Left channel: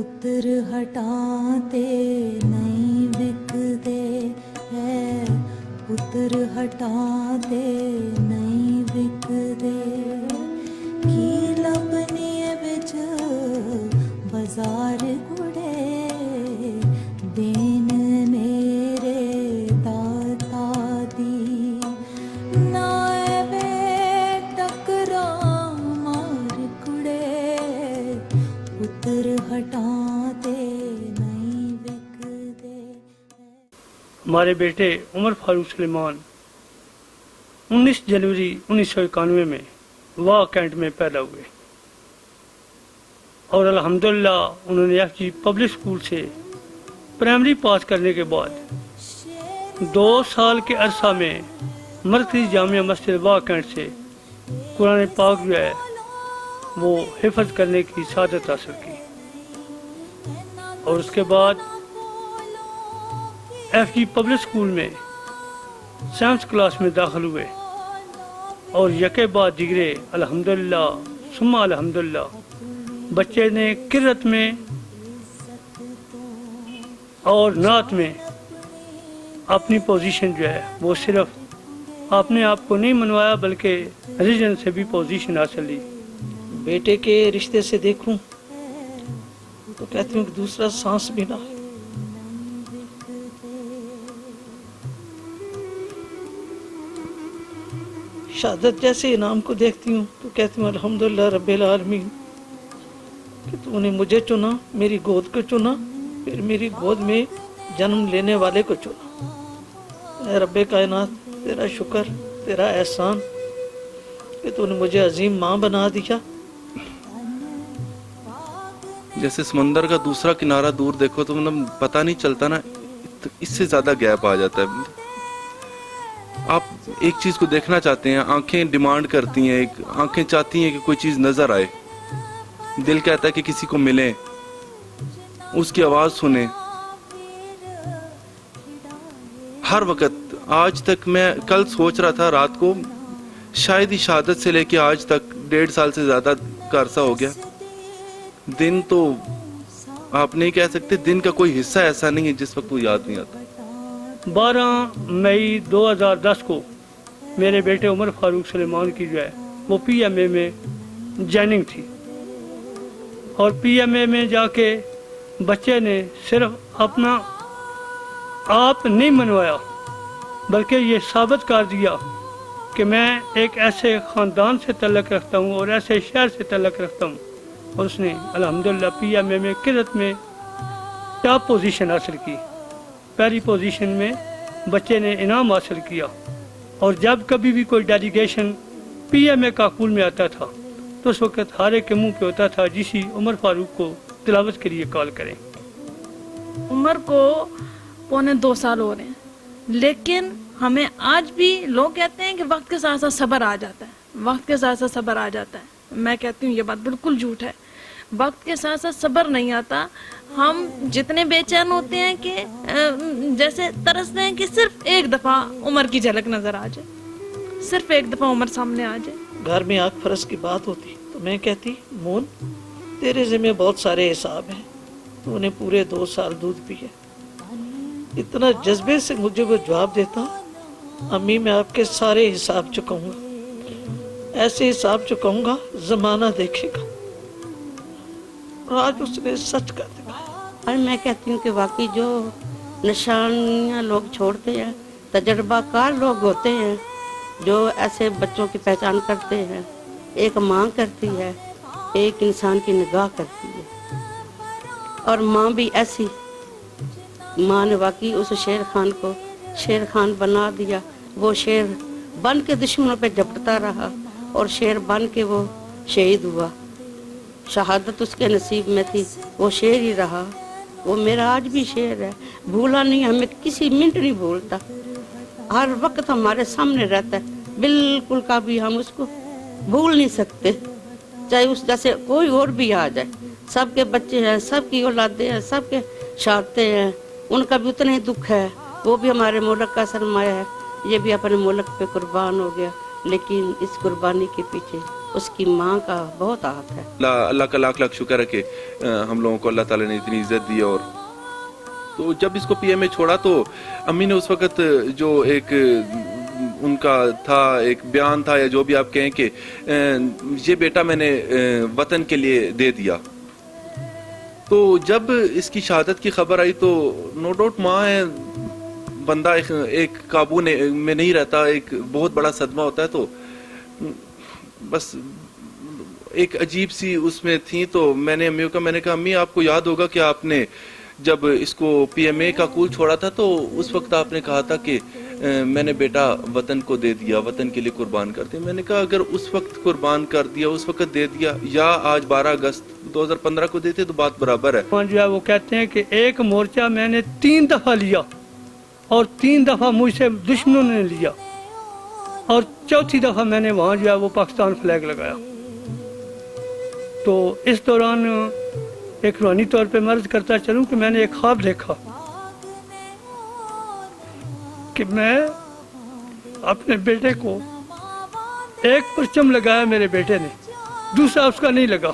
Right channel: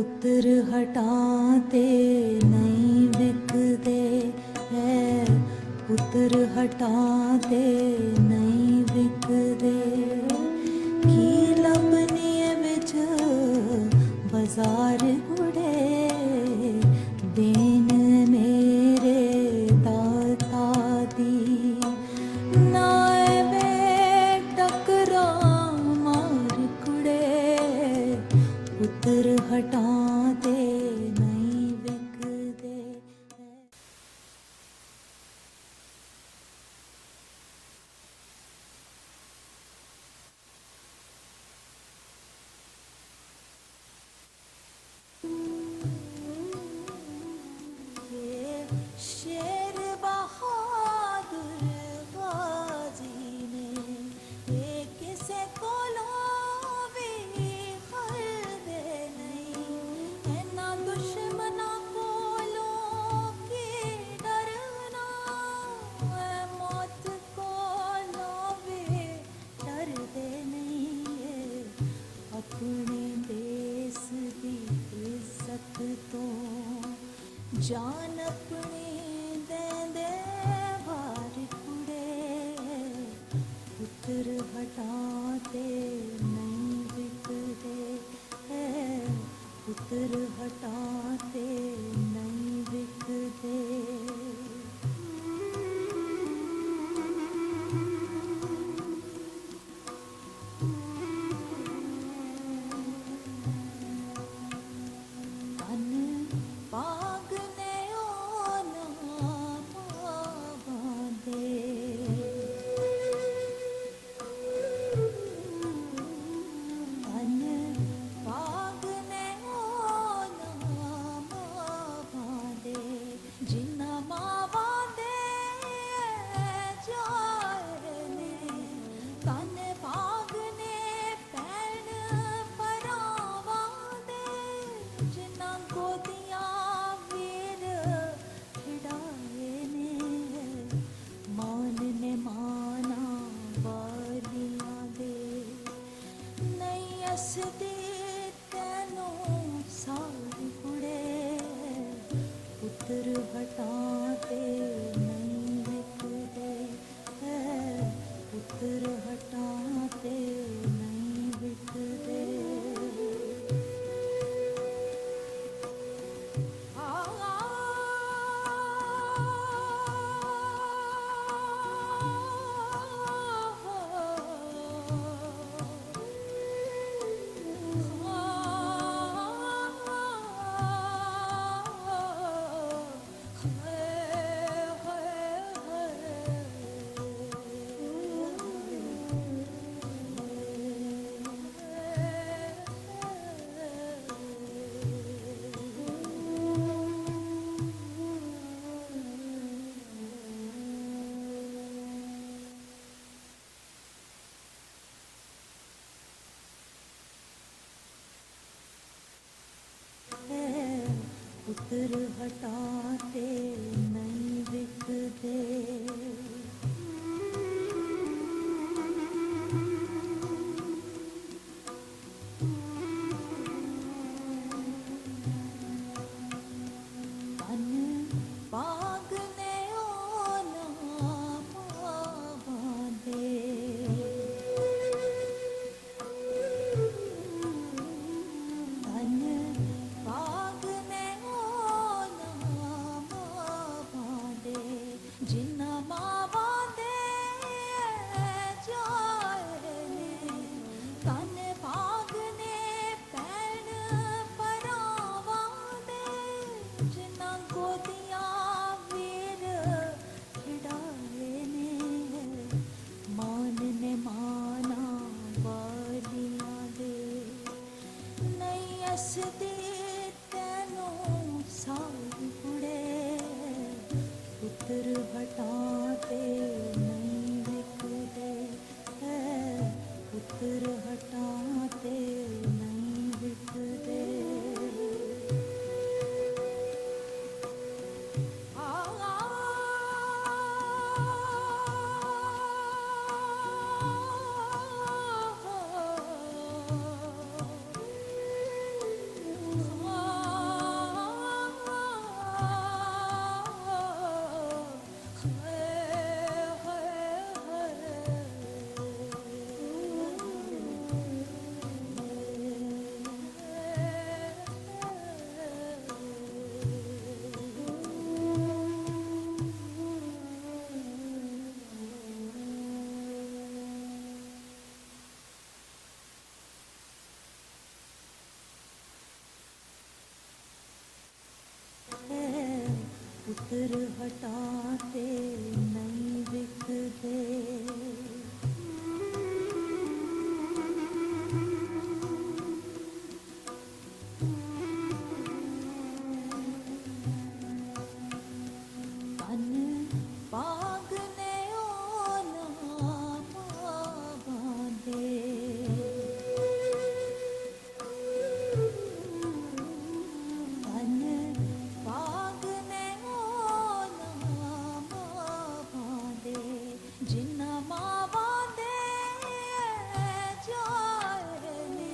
पुत्र हटाते नहीं बिकते हैं, पुत्र हटाते नहीं बिकते, की लपनी बिच बाजार गुड़े, देन मेरे दाता दी, नाए बे टकरा मार कुड़े, पुत्र हटाते नहीं बिकते। हमारे बेटे उमर फारूक सुलेमान 19 जनवरी 1991 में वाह कैंट में पैदा हुए और अल्हम्दुलिल्लाह उन्होंने एफजी पब्लिक स्कूल से प्राइमरी पास करने के बाद 2 साल के अरसा में मरकज़ी जामिया मस्जिद वाह कैंट से कुरान पाक जो है वो हिफ्ज़ करने की सादत हासिल की और उसके बाद एफजी पब्लिक स्कूल में 7th क्लास में दाखिल हुए और यके बाद दिगरे अल्हम्दुलिल्लाह सुम्मा अल्हम्दुलिल्लाह बच्चे ने किरत में और नात में अपनी पोजीशन जो है वो सिर्फ अपने आप को नहीं मनवाया बल्कि रीजन से भी पोजीशन हासिल ली। बेटे के रिश्ते से देखूं तो कहती हूँ दूसरा सांस भी ना। शहादत जैसे इनाम को देखती हूँ तो कहती हूँ अल्हम्दुलिल्लाह रब्बिल आलमीन कि तूने मुझे चुना, मेरी गोद को चुना, फिर मेरी गोद में जन्म लेने वाले को चुना। रब्बे कायनात तेरा शुक्र, तेरा एहसान कि तूने मुझे अजीम माँ बना दिया। जैसे समंदर का दूसरा किनारा दूर देखो तो मतलब पता नहीं चलता ना, तो इससे ज्यादा गैप आ जाता है। आप एक चीज को देखना चाहते हैं, आंखें डिमांड करती हैं, आंखें चाहती हैं कि कोई चीज नजर आए, दिल कहता है कि किसी को मिले, उसकी आवाज सुने। हर वक्त आज तक मैं कल सोच रहा था रात को, शायद ही शहादत से लेके आज तक 1.5 साल से ज्यादा का अरसा हो गया। दिन तो आप नहीं कह सकते, दिन का कोई हिस्सा ऐसा नहीं है जिस वक्त वो याद नहीं आता। 12 मई 2010 को मेरे बेटे उमर फारूक सुलेमान की जो है वो PMA में जॉइनिंग थी और PMA में जाके बच्चे ने सिर्फ अपना आप नहीं मनवाया बल्कि ये साबित कर दिया कि मैं एक ऐसे ख़ानदान से तल्लुक़ रखता हूँ और ऐसे शहर से तल्लुक़ रखता हूँ। और उसने अल्हम्दुलिल्लाह PMA में किरत में टॉप पोजीशन हासिल की। पहली पोजीशन में बच्चे ने इनाम हासिल किया और जब कभी भी कोई डेलीगेशन PMA काकुल में आता था तो उस वक्त हर एक के मुंह पे होता था जिसी उमर फारूक को तिलावत के लिए कॉल करें। उमर को 1.25 साल हो रहे हैं, लेकिन हमें आज भी लोग कहते हैं कि वक्त के साथ साथ सब्र आ जाता है, वक्त के साथ साथ सब्र आ जाता है। मैं कहती हूँ ये बात बिल्कुल झूठ है, वक्त के साथ साथ सब्र नहीं आता। हम जितने बेचैन होते हैं कि जैसे तरसते हैं कि सिर्फ एक दफ़ा उमर की झलक नज़र आ जाए, सिर्फ एक दफ़ा उमर सामने आ जाए। घर में आग फरस की बात होती तो मैं कहती मोन तेरे ज़िम्मे बहुत सारे हिसाब हैं, तूने पूरे 2 साल दूध पिए। इतना जज्बे से मुझे वो जवाब देता, अम्मी मैं आपके सारे हिसाब चुकाऊंगा, ऐसे हिसाब चुकाऊंगा ज़माना देखेगा। और आज उसने सच कर दिया। और मैं कहती हूँ कि वाकई जो निशानियाँ लोग छोड़ते हैं, तजर्बाकार लोग होते हैं जो ऐसे बच्चों की पहचान करते हैं। एक माँ करती है, एक इंसान की निगाह करती है। और माँ भी ऐसी, माँ ने वाकई उस शेर खान को शेर खान बना दिया। वो शेर बन के दुश्मनों पे झपटता रहा और शेर बन के वो शहीद हुआ। शहादत उसके नसीब में थी, वो शेर ही रहा। वो मेरा आज भी शेर है, भूला नहीं, हमें किसी मिनट नहीं भूलता, हर वक्त हमारे सामने रहता है। बिल्कुल कभी हम उसको भूल नहीं सकते, चाहे उस जैसे कोई और भी आ जाए। सबके बच्चे हैं, सबकी औलादे हैं, सबके शारते हैं, उनका भी उतना ही दुख है। वो भी हमारे मुल्क का सरमाया है, ये भी अपने मुल्क पे कुर्बान हो गया। लेकिन इस कुर्बानी के पीछे اس کی ماں کا بہت ہاتھ ہے۔ اللہ کا لاکھ لاکھ شکر ہے کہ ہم لوگوں کو اللہ تعالیٰ نے اتنی عزت دی۔ اور تو جب اس کو پی ایم اے چھوڑا تو امی نے اس وقت جو ایک ان کا تھا ایک بیان تھا یا جو بھی آپ کہیں کہ یہ بیٹا میں نے وطن کے لیے دے دیا۔ تو جب اس کی شہادت کی خبر آئی تو نو ڈاؤٹ ماں ہے، بندہ ایک قابو میں نہیں رہتا، ایک بہت بڑا صدمہ ہوتا ہے۔ تو بس ایک عجیب سی اس میں تھی۔ تو میں نے امیوں کا میں نے کہا امی آپ کو یاد ہوگا کہ آپ نے جب اس کو پی ایم اے کا کول چھوڑا تھا تو اس وقت آپ نے کہا تھا کہ میں نے بیٹا وطن کو دے دیا، وطن کے لیے قربان کر دیا۔ میں نے کہا اگر اس وقت قربان کر دیا، اس وقت دے دیا، یا آج 12 اگست 2015 کو دیتے تو بات برابر ہے۔ جو ہے وہ کہتے ہیں کہ ایک مورچہ میں نے 3 دفعہ لیا اور 3 دفعہ مجھ سے دشمنوں نے لیا، اور چوتھی دفعہ میں نے وہاں جو ہے وہ پاکستان فلیگ لگایا۔ تو اس دوران ایک روحانی طور پہ مرض کرتا چلوں کہ میں نے ایک خواب دیکھا کہ میں اپنے بیٹے کو ایک پرچم لگایا، میرے بیٹے نے، دوسرا اس کا نہیں لگا۔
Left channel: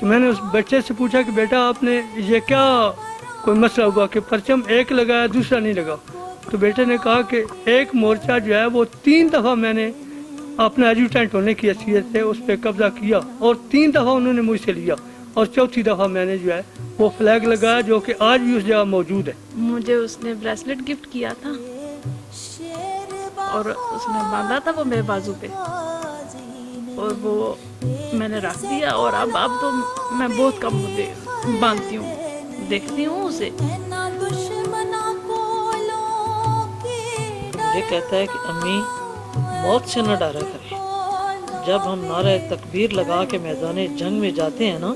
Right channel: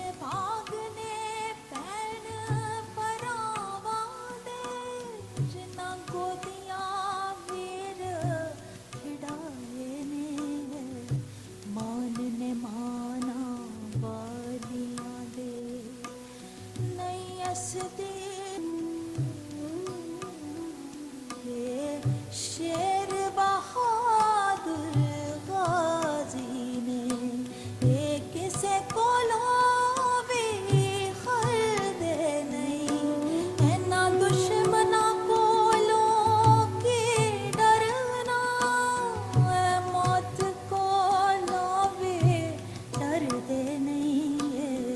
تو میں نے اس بچے سے پوچھا کہ بیٹا آپ نے یہ کیا کوئی مسئلہ ہوا کہ پرچم ایک لگایا دوسرا نہیں لگا؟ تو بیٹے نے کہا کہ ایک مورچہ جو ہے وہ 3 دفعہ میں نے اپنا ایڈجوٹنٹ ہونے کی حیثیت سے اس پہ قبضہ کیا، اور 3 دفعہ انہوں نے مجھ سے لیا، اور چوتھی دفعہ میں نے جو ہے وہ فلیگ لگایا جو کہ آج بھی اس جگہ موجود ہے۔ مجھے اس نے بریسلیٹ گفٹ کیا تھا اور اس نے باندھا تھا وہ میرے بازو پہ، اور وہ میں نے رکھ دیا، اور اب تو میں بہت کم باندھتی ہوں، دیکھتی ہوں اسے۔ یہ کہتا ہے کہ امی موت سے نہ ڈرا کرے، جب ہم نعرہ تکبیر لگا کے میدان جنگ میں جاتے ہیں نا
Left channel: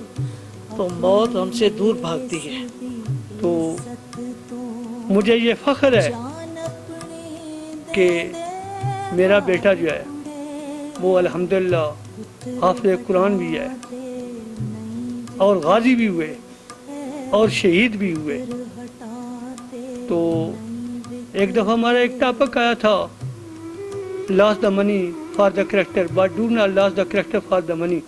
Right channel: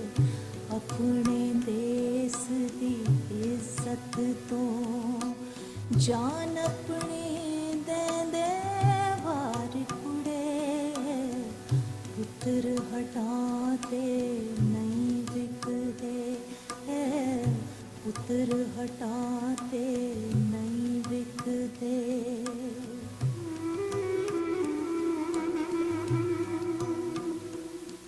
تو موت ہم سے دور بھاگتی ہے۔ تو مجھے یہ فخر ہے کہ میرا بیٹا جو ہے وہ الحمدللہ حافظ قرآن بھی ہے، اور غازی بھی ہوئے اور شہید بھی ہوئے۔ تو ایک دفعہ ہمارا ایک ٹاپک آیا تھا lose the money for the character but do not lose the character for the money.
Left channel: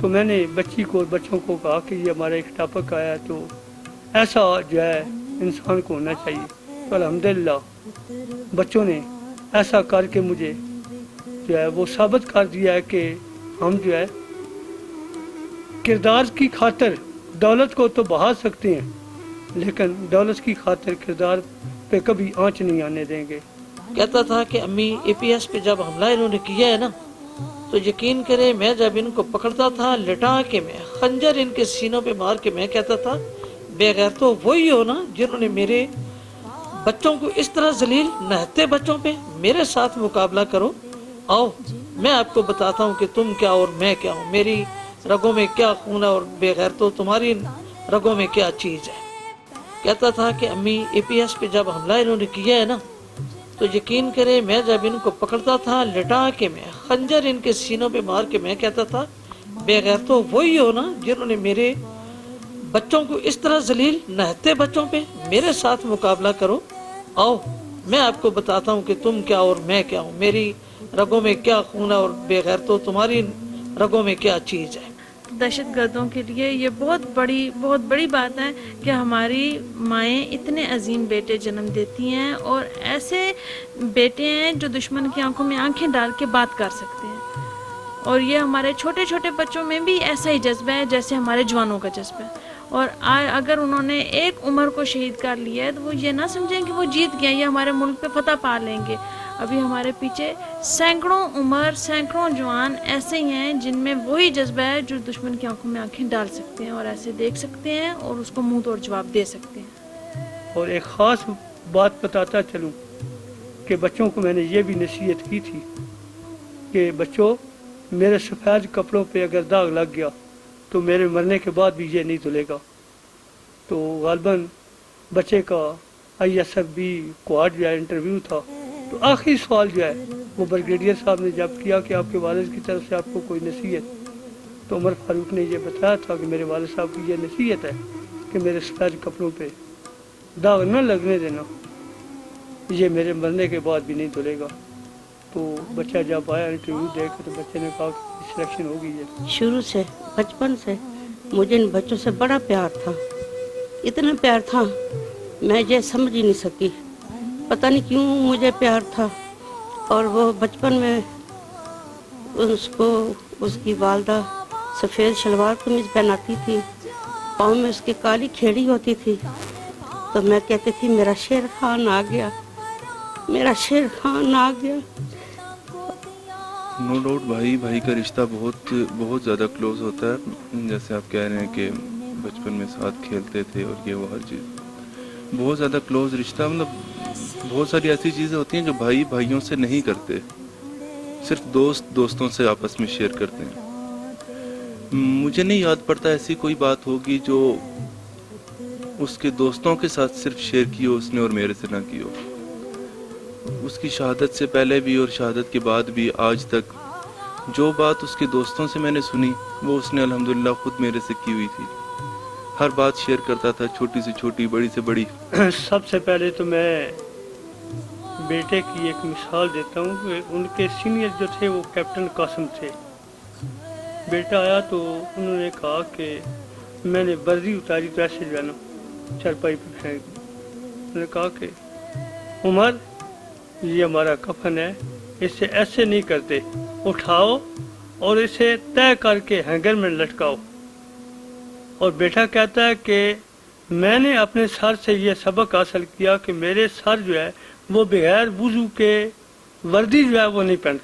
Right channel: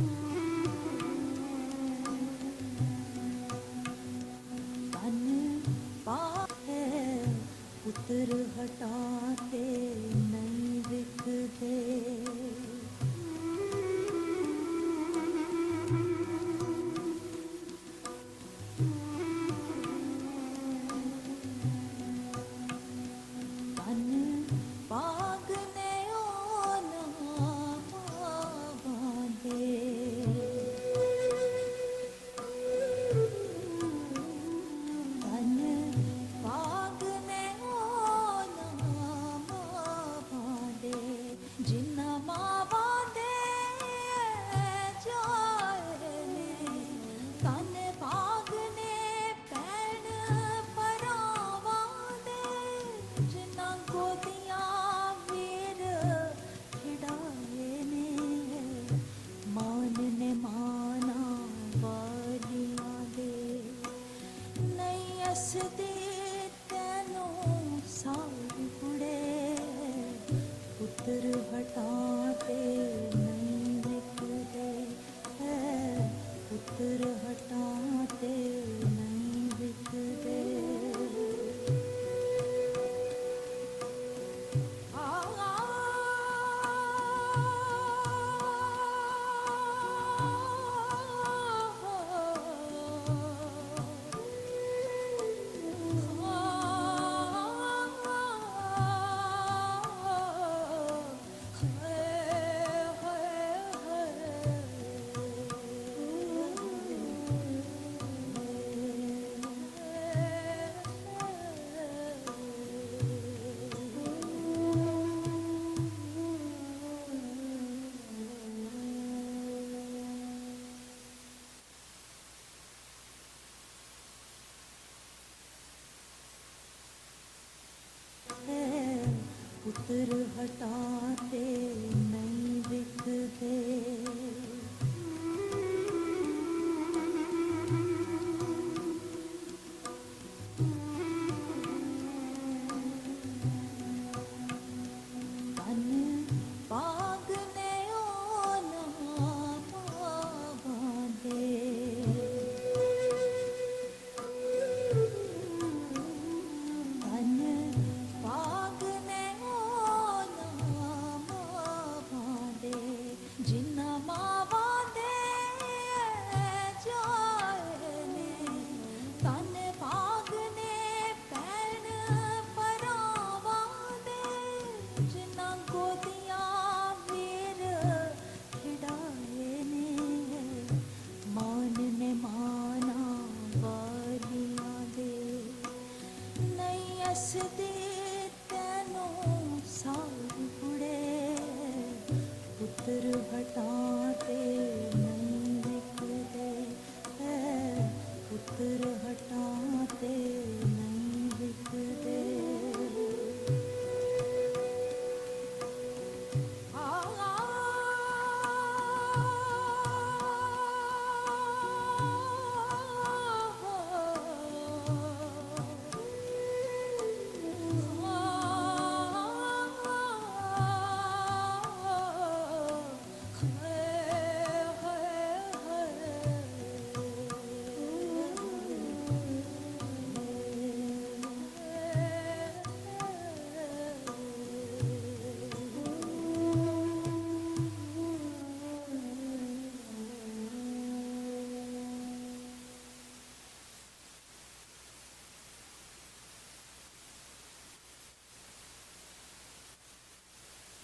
تو میں نے بچی کو اور بچوں کو کہا کہ یہ ہمارا ایک ٹاپک آیا ہے، تو ایسا جو ہے انسان کو ہونا چاہیے۔ تو الحمدللہ بچوں نے ایسا کر کے مجھے جو ہے وہ ثابت کر دیا ہے کہ ہم جو ہے کردار کی خاطر دولت کو تو بہا سکتے ہیں، لیکن دولت کی خاطر کردار پہ کبھی آنچ نہیں آنے دیں گے۔ کہتا تھا کہ امی اے پی ایس پہ جب حملہ انہوں نے کیا ہے نا تو یقین کرے میں جب ان کو پکڑتا تھا لٹا کے میں خنجر ان کے سینوں پہ مار کے میں کہتا تھا بے غیر تو وہی ہو نا جنہوں نے میرے بچوں کو اس طرح ذلیل نہتے بچوں پہ میرے ساتھ مقابلہ کرو، آؤ میں آپ کو بتاتا ہوں کہ تم کیا اور میں کیا ہوں، میری رگوں میں کیا خون ہے اور بے غیر تو تمہاری رگوں میں کیا چیز ہے۔ کہتا تھا کہ امی اے پی ایس پہ جب حملہ انہوں نے کیا ہے نا تو یقین کرے میں جب ان کو پکڑتا تھا لٹا کے میں خنجر ان کے سینوں پہ مار کے میں کہتا تھا بے غیر تو وہی ہو نا جنہوں نے میرے بچوں کو اس طرح ذلیل نہتے بچوں پہ میرے ساتھ مقابلہ کرو، آؤ میں آپ کو بتاتا ہوں کہ تم کیا اور میں کیا ہوں، میری رگوں میں کیا خون ہے اور بے غیر تو تمہاری رگوں میں کیا چیز ہے۔ دہشت گردوں کے لیے یہ بہت بڑی بات ہے کہ ہماری مائیں اتنے عظیم بیٹے جنم دیتی ہیں، اور ایسے بیٹے ہیں جو دشمن کی آنکھوں میں آنکھیں ڈال کے بات کر سکتے ہیں، اور یہ ہمارے چھوٹے چھوٹے بچوں میں بھی ایسا ہی جذبہ ہے جیسے ہمارے جوانوں کا جذبہ ہے۔ اور اگر انہوں نے ایک عمر کو شہید کر لیا ہے تو وہ یہ نہ سمجھیں کہ وہ جیت گئے، یہ ہمارے ملک پہ فتح پا لیں گے۔ ابھی ہمارے پیچھے سینکڑوں عمر سینکڑوں جوان ایسے ہی ہیں جن میں وہی جذبہ ہے جو دشمن کی آنکھوں میں آنکھیں ڈال سکتے ہیں اور ایسے دیکھ سکتے ہیں اور اس کو منہ توڑ جواب دے سکتے ہیں۔ اور ایک خاص بات بتاتا چلوں کہ بچوں کو میں نے یہ بھی نصیحت کی تھی کہ بچوں میرے سفید کپڑوں پہ اگر داغ لگ گیا تو میرے مرنے کے بعد بھی یہ نہیں دھلے گا۔ تو غالباً بچے کا آئی ایس ایف بی کوارڈ جو ہے انٹرویو تھا، تو آخری سوال جو ہے وہ بریگیڈیئر صاحب نے جب کیا کہ آپ کے والد کی طرف سے آپ کو کوئی نصیحت، تو عمر فاروق نے یہ بتایا تھا کہ میرے والد صاحب کو یہ نصیحت ہے کہ میرے سفید کپڑوں پہ داغ نہ لگنے دینا، یہ میرے مرنے کے بعد بھی نہیں دھلے گا۔ तो बच्चा जब आया इंटरव्यू दे के तो बच्चे ने कहा कि सिलेक्शन हो गई है। शुरू से बचपन से मुझे इन बच्चों से बड़ा प्यार था, इतना प्यार था मैं ये समझ ही नहीं सकी। पता नहीं क्यों मुझे प्यार था। और वो बचपन में उसको उसकी वालदा सफ़ेद शलवार कमीज पहनाती थी, पाँव में उसकी काली खेड़ी होती थी, तो मैं कहती थी मेरा शेर खान आ गया, मेरा शेर खान आ गया। नो डाउट भाई भाई का रिश्ता बहुत बहुत ज़्यादा क्लोज होता है। जैसे आप कह रहे हैं कि बचपन में साथ खेलते थे और ये वो हर चीज़, बहुत ज़्यादा क्लोज रिश्ता। मतलब बहुत सारी ऐसी चीज़ें होती हैं जो भाई भाइयों से नहीं करते, सिर्फ दोस्त दोस्तों से आपस में शेयर करते हैं। मुझे नहीं याद पड़ता ऐसी कोई बात होगी जो उसके दोस्तों के साथ सिर्फ शेयर की हो उसने और मेरे से ना की हो। उसकी शहादत से पहले भी और शहादत के बाद भी आज तक जो बात उसके दोस्तों से मैंने सुनी वो उसने अल्हम्दुलिल्लाह खुद मेरे से की हुई थी। हर बात शेयर करता था, छोटी से छोटी, बड़ी से बड़ी। सबसे पहले तो मैं बेटे की एक मिसाल देता हूँ कि उनके सीनियर जो थे वो कैप्टन कासिम थे। बेटा आया तो उन्होंने कहा कि मैंने वर्दी उतारी तो ऐसे जो है ना चारपाई पर फेंक। उन्होंने कहा कि उमर ये हमारा कफन है, इसे ऐसे नहीं करते, उठाओ और इसे तय करके हैंगर में लटकाओ। और बेटा कहता है कि मैंने अपने सर से ये सबक हासिल किया कि मेरे सर जो है वो बगैर वुजू के वर्दी जो है वो नहीं पहनते।